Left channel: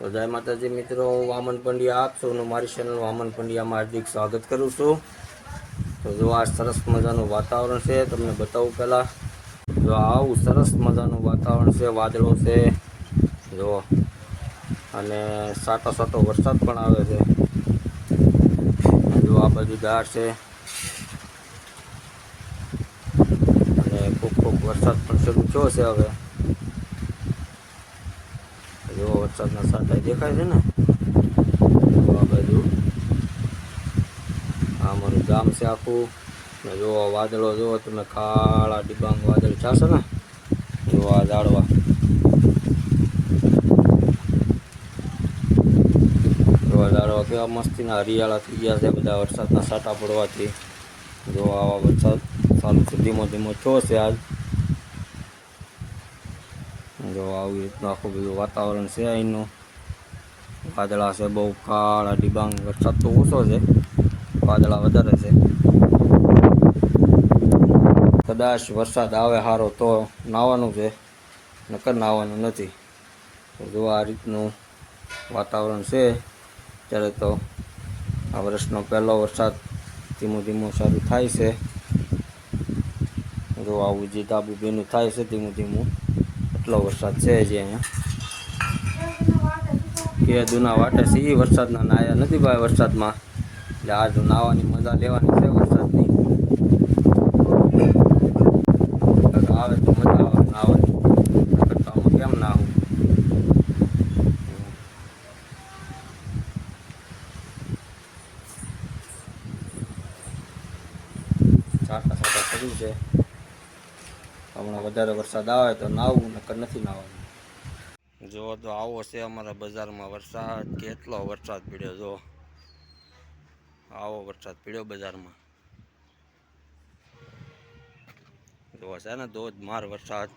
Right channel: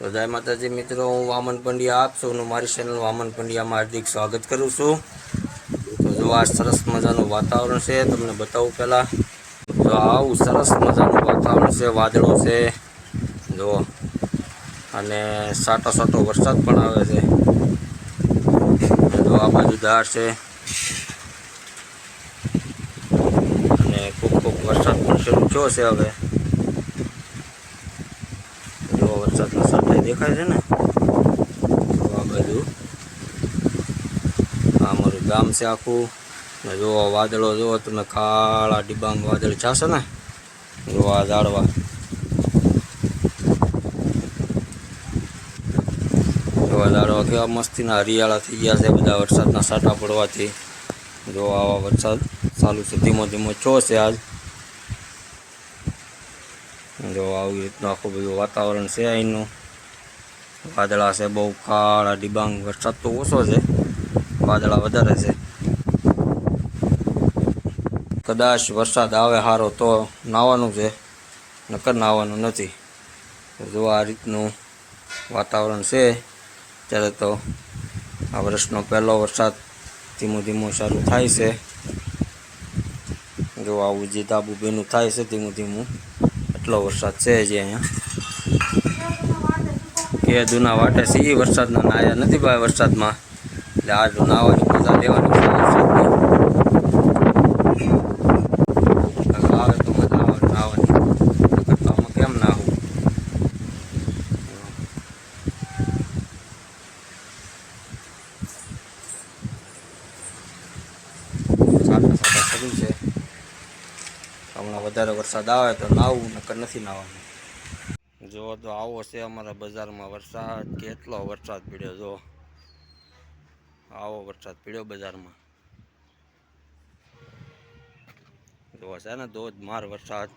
તો જય માતાજી મિત્રો, હું વામન પંડ્યા આપ સૌનું મારી ચેનલ વામન પંડ્યામાં હાર્દિક સ્વાગત કરું છું। તો જો આ સરસ મજાનું વાતાવરણ છે, તમને બતાવું પહેલાં જો આવું સરસ મજાનું વાતાવરણ છે, વાદળો છે જો, અને સાટો સાટો વરસાદ પણ આવે છે। જો આ બાજુ ધાર છે અને ખૂબ ખૂબ વરસાદ પણ શરૂ થયો છે। હવે જો વરસાદના સાટા દેખાય છે ને, તો આ બાજુ આ અમારું ગામ છે આખું ને જો વાદળો જુઓ તમે, કાળા ડિબાંગ વાદળ છાશે ને, જો આ ઝાડવા કેવા મસ્તીના હરિયાળા થઈ ગયા છે બધા વરસાદના સાટા પડવાથી। જો આવા વરસાદ ચાલુ છે, ધીમો ધીમો છો છે આજ। જો આવી રીતનું આખું બધું વાતાવરણ છે અહીંનું। વાદળા છે બહુ કાળા ડિબાંગ, વરસાદ તો ઓછો છે, વાદળા વધારે છે। કદાચ વરસાદ આવે સારો તો નાહવાનું છે, નકર નાહવાનું નથી। જો આ રીતનું વાતાવરણ છે ત્યારે। તો આ વર્ષનો પહેલો વરસાદ ધીમું ધીમું શરૂ થાય છે। જો આવું જે ધાબુ ભીનું થાય છે ધીમું ધીમું, એટલો વરસાદ છે જે અહીંયા કે દુના વાટે છે એ વરસાદના નાયા નથી ભાઈ વરસાદમાં, એટલે આજ નાહવાની મજા લેવાની છે વરસાદની। આવે તો મજા આવે નાહવાની, આમાં કેમ નાહવું। સાટા સાટા શરૂ છે, હમણાં વધારે વરસાદ આવે તો નાહવું, નકર નથી નાહવાનું। જો તો આવો છે અમારા બજારમાં વરસાદ, કેટલો વરસાદ પડ્યો। જો આવો વરસાદ પડ્યો બજારમાં, જો છે ને ધોધમાર વરસાદ।